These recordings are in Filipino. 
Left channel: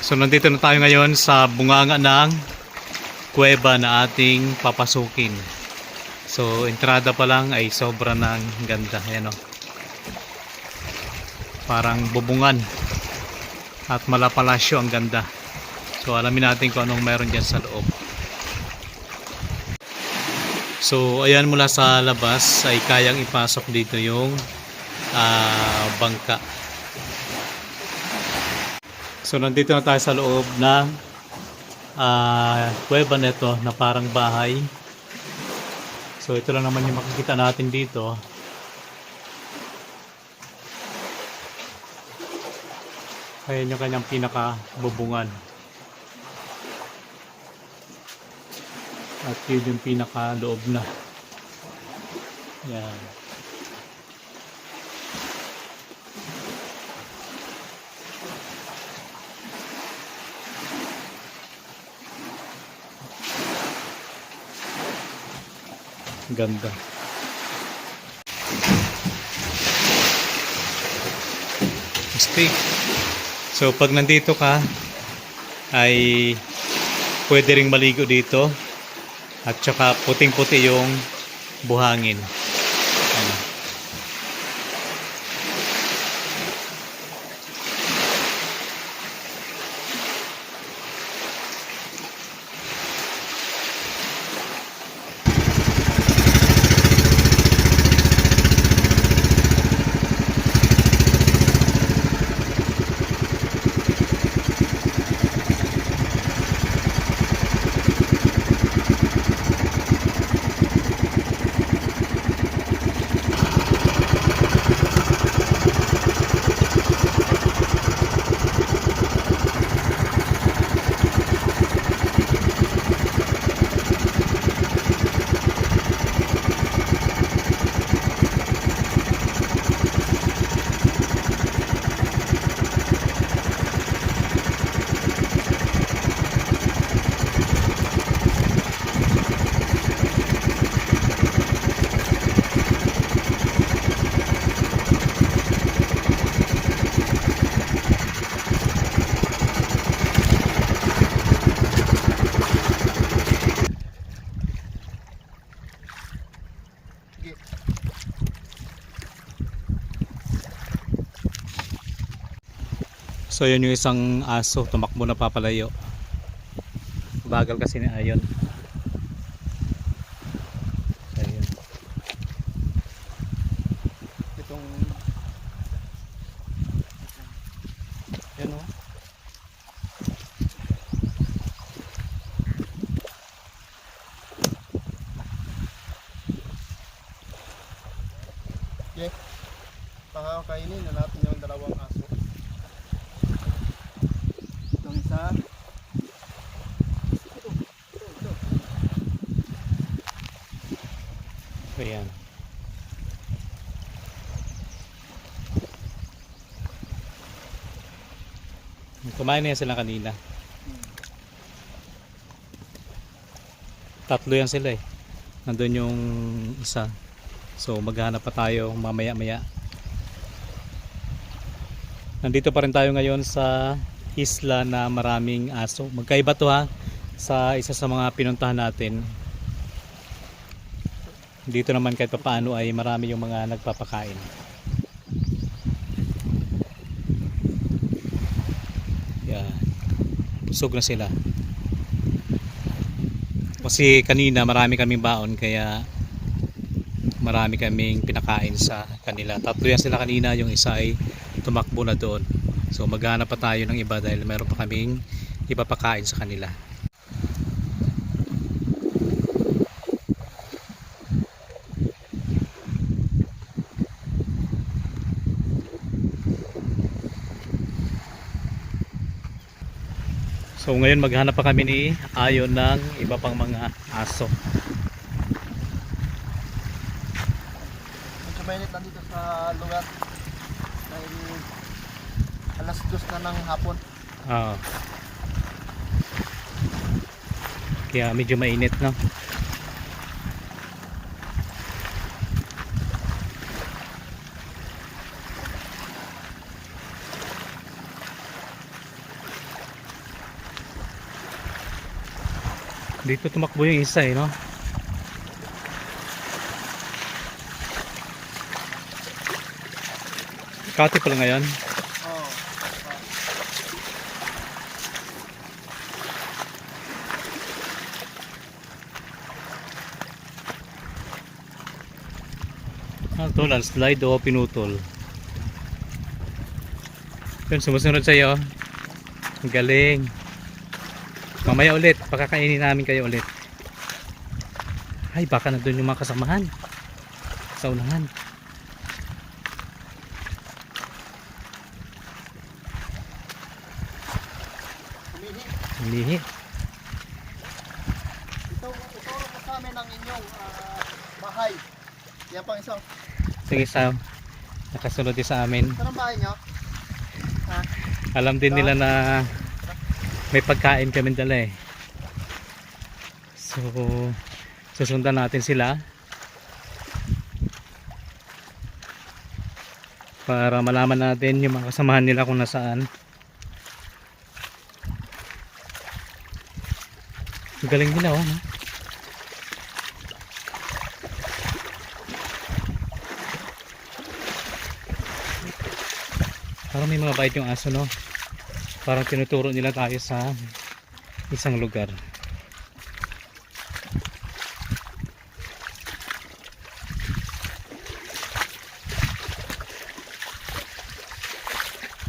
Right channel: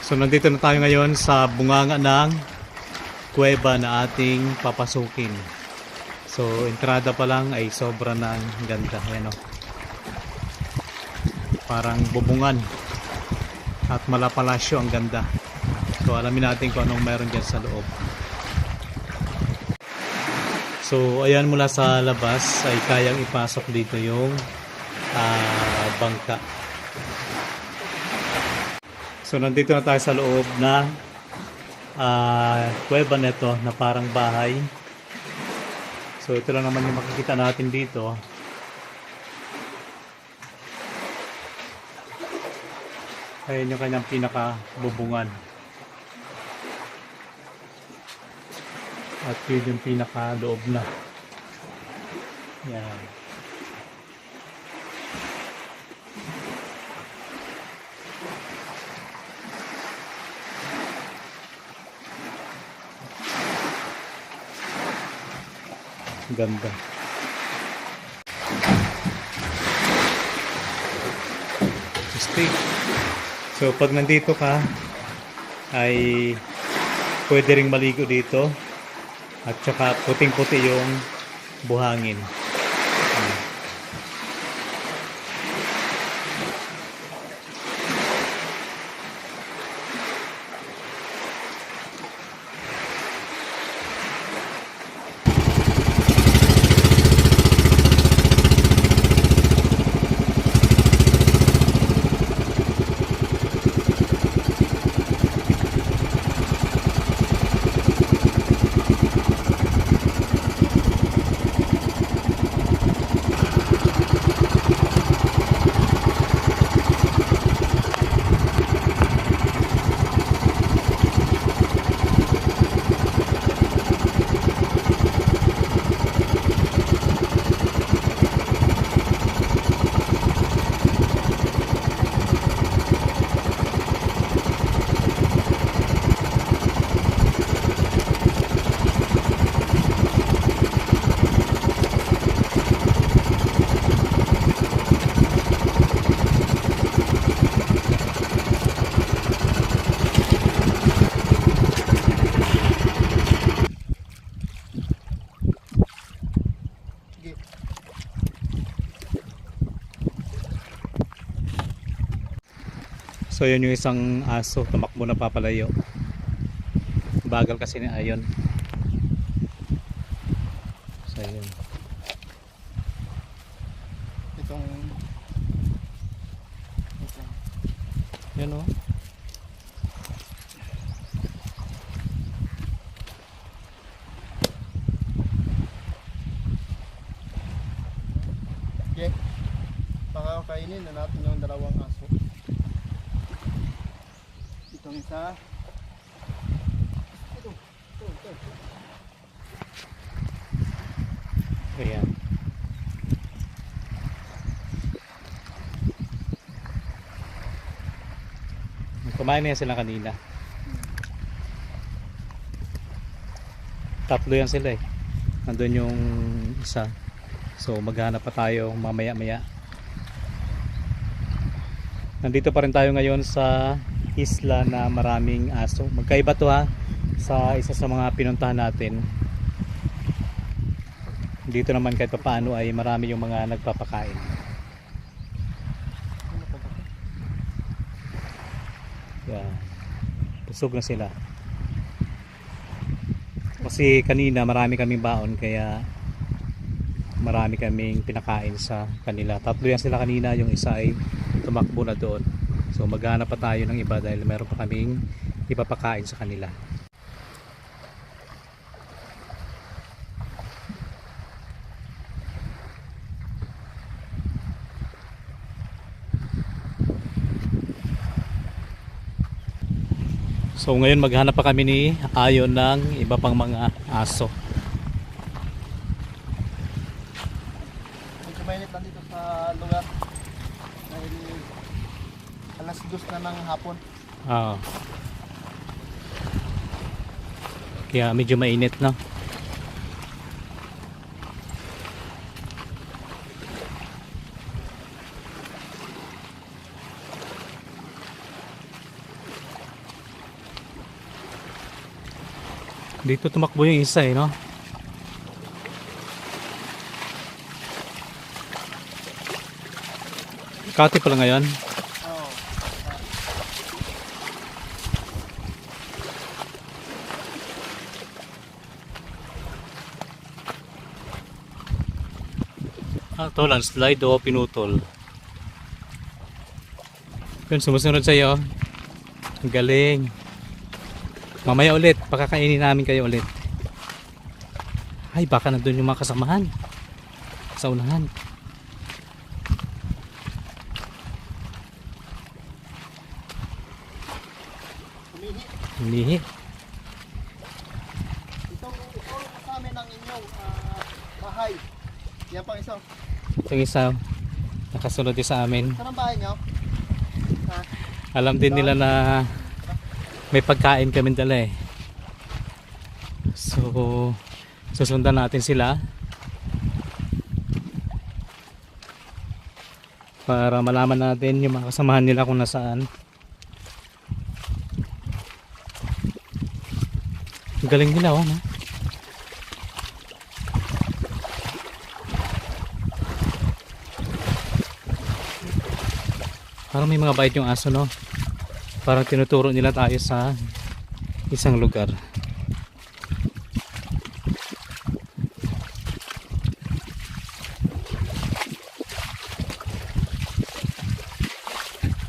So nandito na tayo ngayon sa bunganga ng kuweba na ating papasukin. So entrada pa lang ay sobra ng ganda. Ayan o. Parang bubungan at malapalasyo ang ganda. So alamin natin kung anong meron dyan sa loob. So ayan, mula sa labas ay kayang ipasok dito yung bangka. So nandito na tayo sa loob ng kuweba nito na parang bahay. So ito lang naman yung makikita natin dito. Ayan yung kanyang pinaka-bubungan. At yun yung pinaka-loob na. Yan. Ganda. Steak. So pag nandito ka ay pwede ring maligo dito at saka puting-puti yung buhangin. So yun yung isang aso, tumakbo na papalayo. Bagal kasi ni Ayon. So yun. Itong yan o. Okay. Pakakainin na natin yung dalawang aso. Itong isa. Ito. Ayan. Kumain na yan sila kanina. Tatlo yan sila eh. Nandun yung isa. So maghanap pa tayo mamaya-maya. Nandito pa rin tayo ngayon sa isla na maraming aso. Magkaiba to ha sa isa sa mga pinuntahan natin. Dito naman kahit paano ay marami yung mga nagpapakain. Yan. Busog na sila. Kasi kanina marami kaming baon kaya marami kaming pinakain sa kanila. Tatlo yan sila kanina, yung isa ay tumakbo na doon. So maghanap pa tayo ng iba dahil meron pa kaming ipapakain sa kanila. So ngayon maghanap pa kami ni Ayon ng iba pang mga aso. Medyo mainit lang dito sa lugar. Dahil alas 2 na ng hapon. Oo. Kaya medyo mainit na. Dito tumakbo yung isa eh, no? Kati pala ngayon. Oo. Ito, landslide o pinutol. Yun, sumusunod sa'yo. Ang galing. Mamaya ulit, pakakainin namin kayo ulit. Ay, baka nandun yung mga kasamahan. Sa unahan. Humihi. Humihi. Ito kasama ng inyong bahay. Yan pang isa. Yung isa, nakasunod din sa amin. Saan ang bahay nyo? Ha? Alam din nila na may pagkain kami dala eh. So, susundan natin sila para malaman natin yung mga kasamahan nila kung nasaan. Ang galing nila oh, no? Parang may mga bait yung aso, no? Parang tinuturo nila tayo sa isang lugar.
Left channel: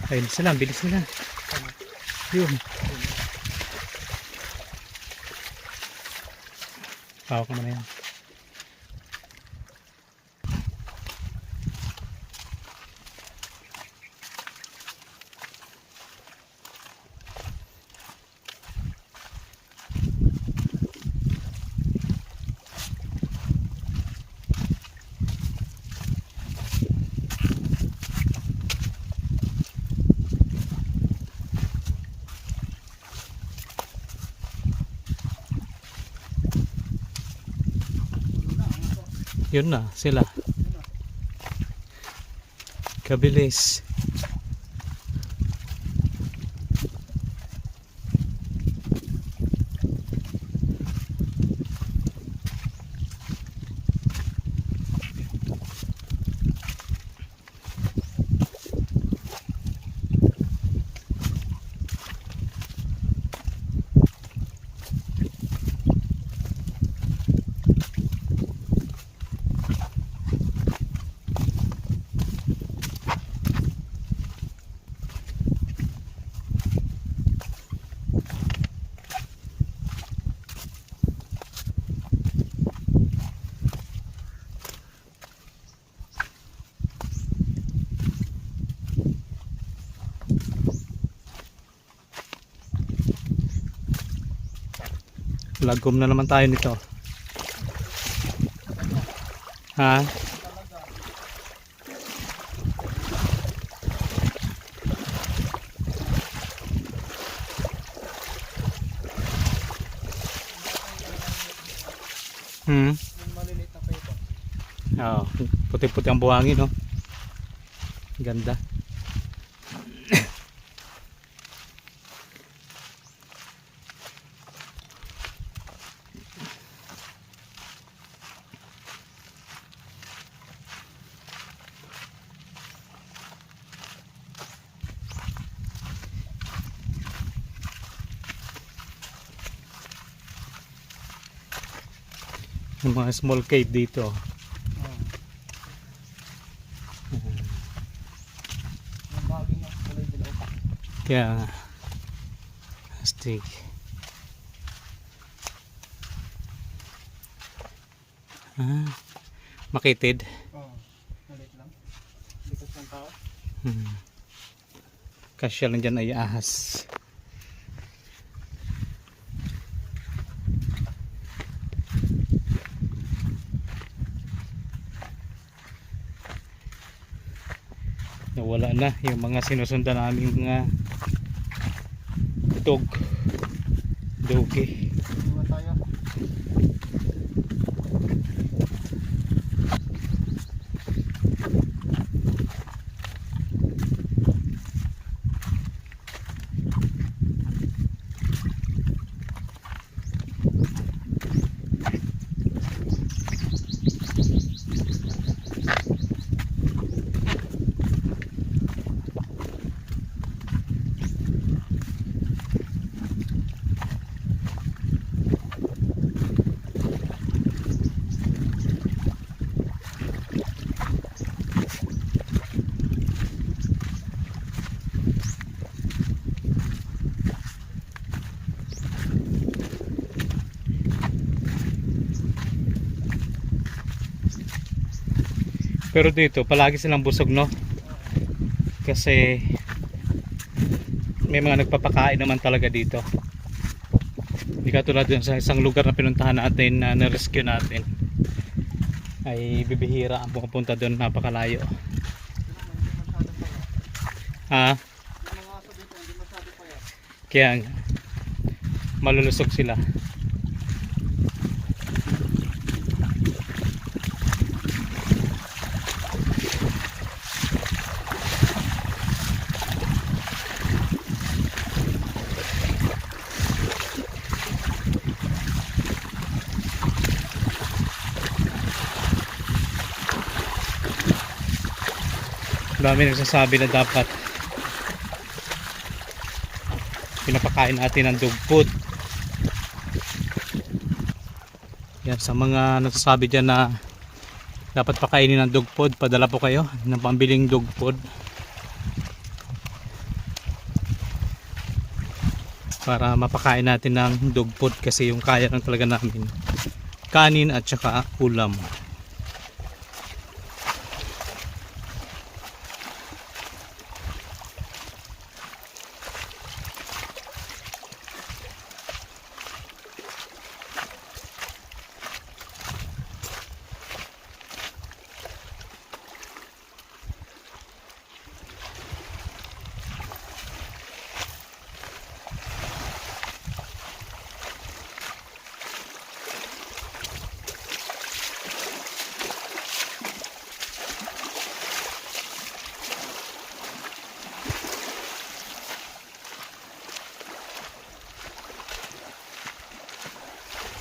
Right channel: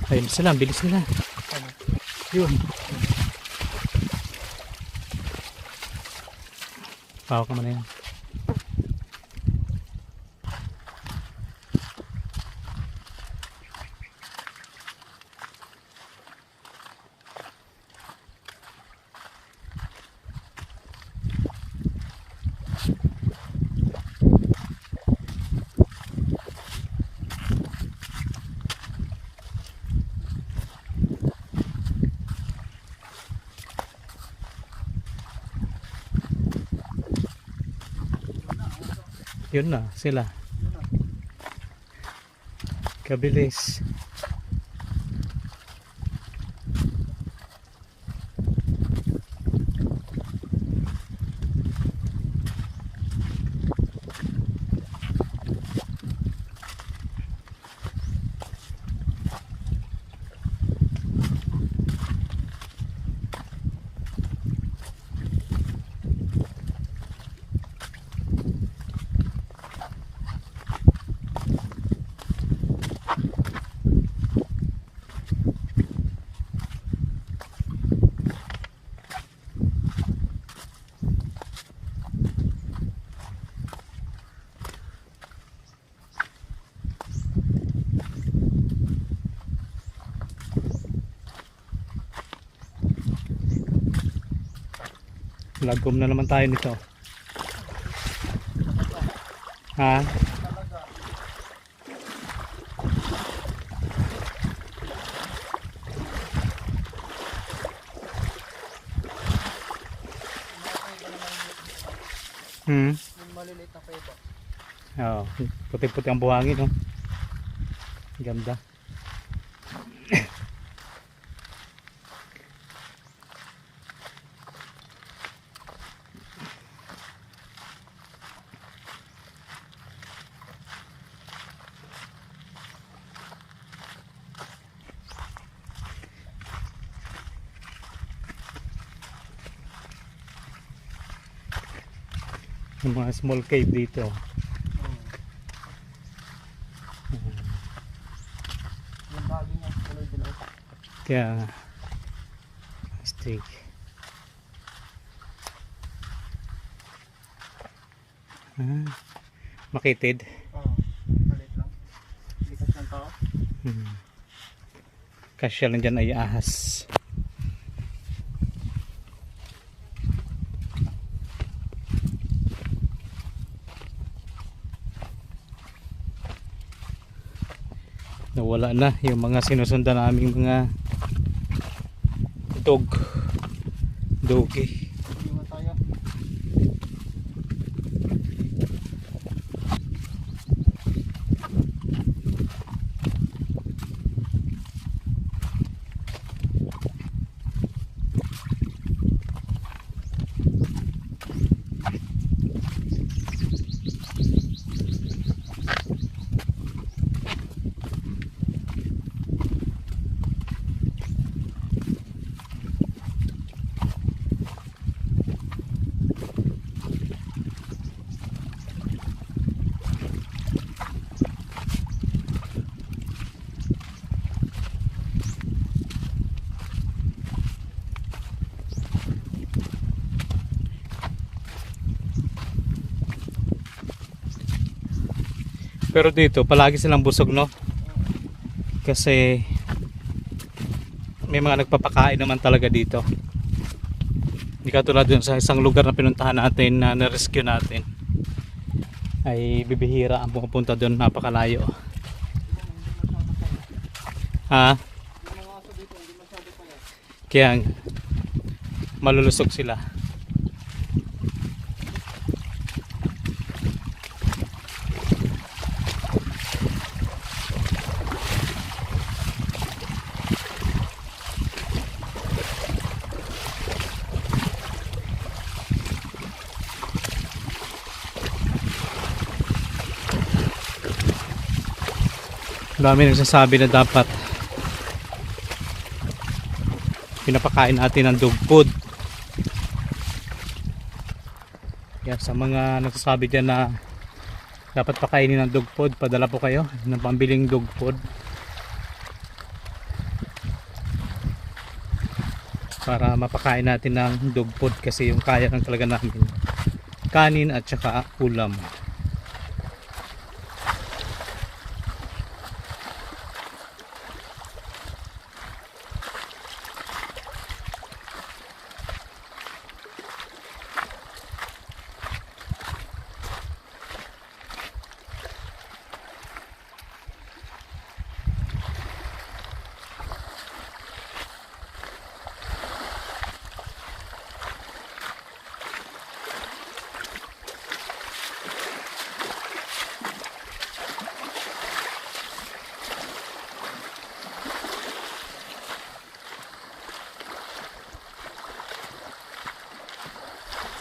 Ayun sila, ang bilis nila. Yun. Pawak naman na yan. Yun na sila. Kabilis. Lagom na naman tayo nito. Ha? Yung maliliit na pepo. Oo, puti-puti ang buhangin, no? Ganda. Yung mga small cave dito. Yung bagay niya, kulay dilaw. Kaya nga. Astig. Makitid. Oo, maliit lang. Likas ng tao. Kasya lang dyan ay ahas. Nawala na yung mga sinusundan namin mga dogi. Iwan tayo. Pero dito palagi silang busog, no? Kasi may mga nagpapakain naman talaga dito. Hindi katulad dun sa isang lugar na pinuntahan natin na na-rescue natin, ay bibihira ang pumupunta doon, napakalayo. Ha? Yung mga aso dito, hindi masyado pa yan. Kaya nga, malulusog sila. Dami nagsasabi na dapat pinapakain natin ng dog food. Yan, sa mga nagsasabi dyan na dapat pakainin ng dog food, padala po kayo ng pambiling dog food para mapakain natin ng dog food, kasi yung kaya lang talaga namin kanin at saka ulam.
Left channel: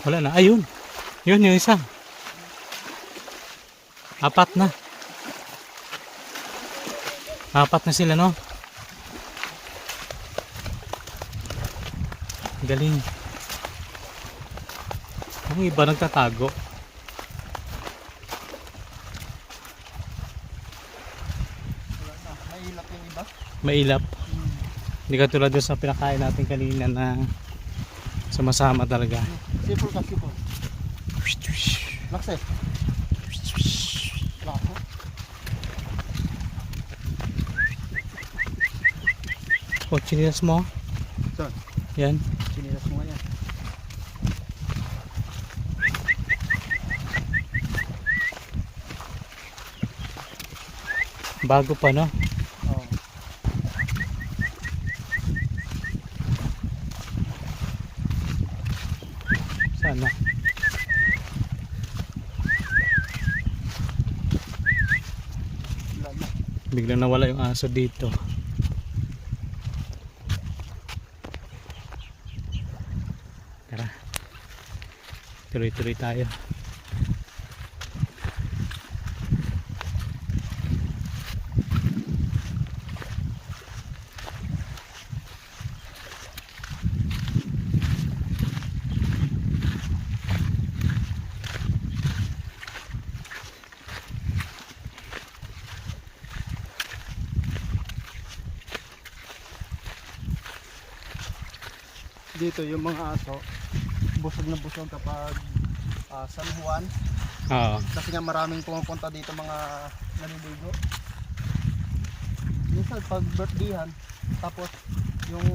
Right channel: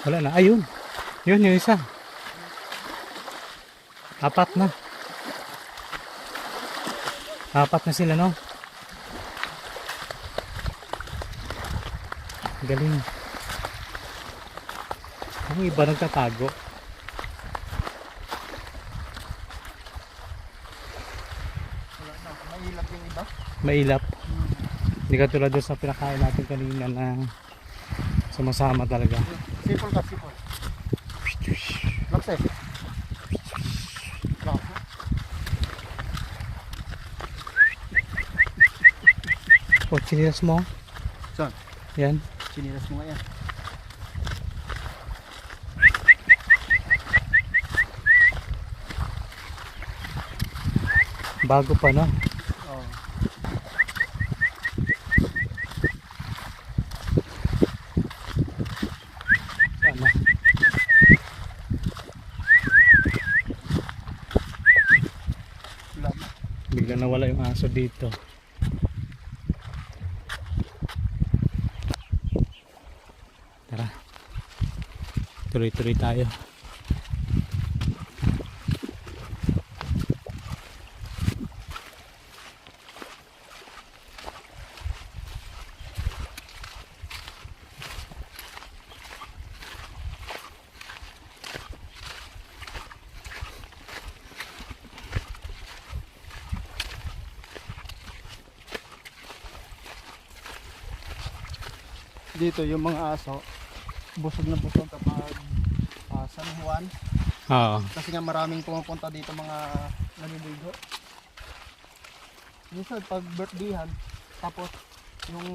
Wala na, ayun, yun yung isa, apat na sila, no? Galing. Ang iba nagtatago. Wala na. Mahilap yung iba. Mailap. Hindi katulad doon sa pinakain natin kanina na sumasama talaga. Sipol ka, sipol. Lakse. Lakse. O, chinilas mo. Saan? Yan. Sinilas mo yan. Bago pa, no? Oo. Sana. Lama. Biglang nawala yung aso dito. Tara. Tuloy-tuloy tayo. Dito yung mga aso, busog na busog kapag San Juan. Oo. Kasi nga maraming pumupunta dito mga naniligo. Minsan pag birthdayhan, tapos yung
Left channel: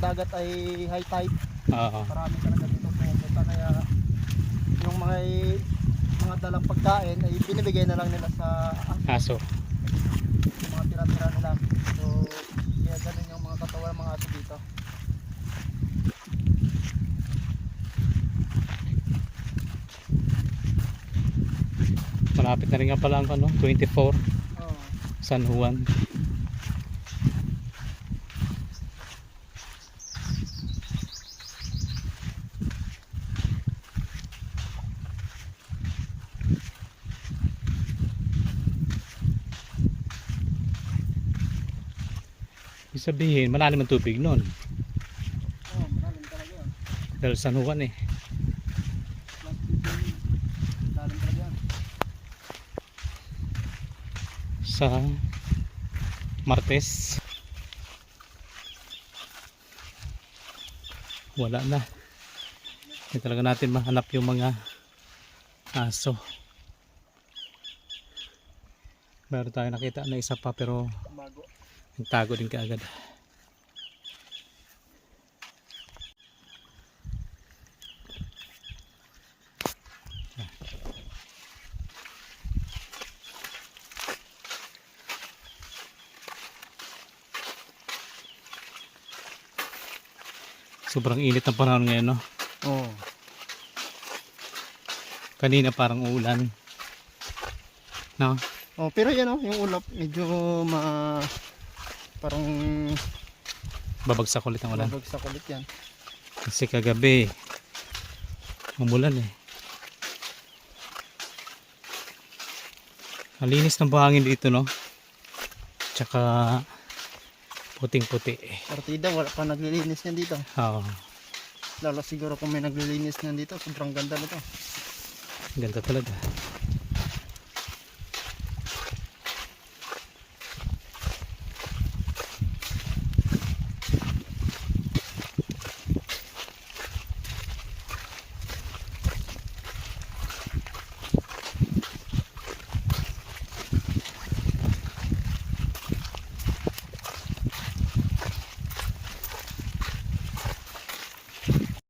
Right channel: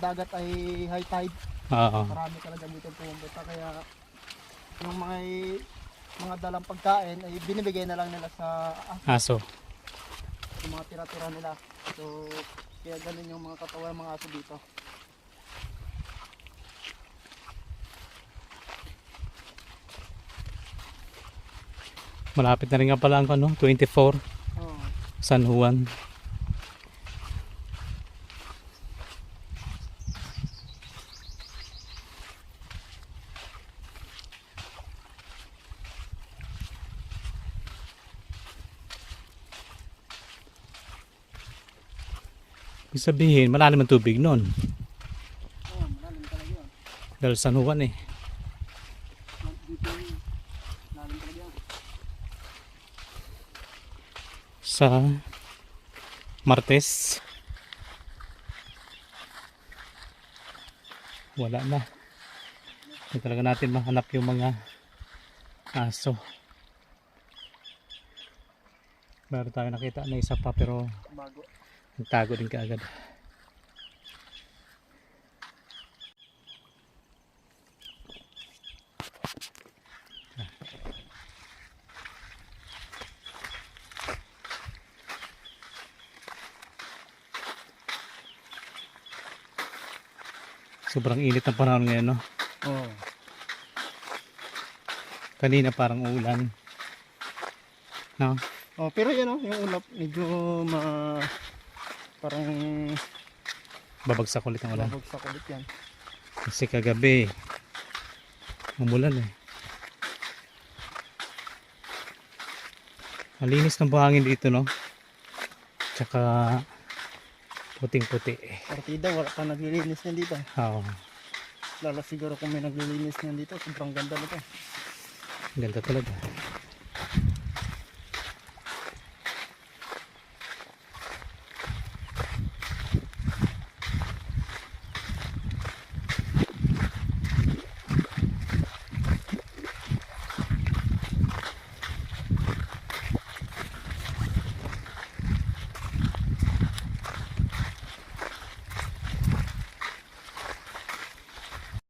dagat ay high tide, Oo. marami talaga dito pumupunta. Kaya yung mga dalang pagkain ay binibigay na lang nila sa Aso. yung mga tira-tira nila. So kaya ganun yung mga katawan ng mga aso dito. Malapit na rin nga pala ang ano, 24 Oh. San Juan. Ibig sabihin, malalim ang tubig nun. Oh, malalim talaga yun. Dahil San Juan eh. Malalim talaga yan. Sa Martes. Wala na. Hindi talaga natin mahanap yung mga aso. Meron tayo nakita na isa pa pero Bago. nagtago din kaagad. Sobrang init ng panahon ngayon, no? Oo. Kanina parang ulan. No? Oh, pero yan oh, yung ulap medyo parang Babagsak ulit ang ulan. babagsak ulit yan. Kasi kagabi umulan eh. Ang linis ng buhangin dito, no? Tsaka puting-puti. Partida, wala pa naglilinis yan dito. Oo. Lalo siguro kung may naglilinis yan dito, sobrang ganda nito. Ganda talaga.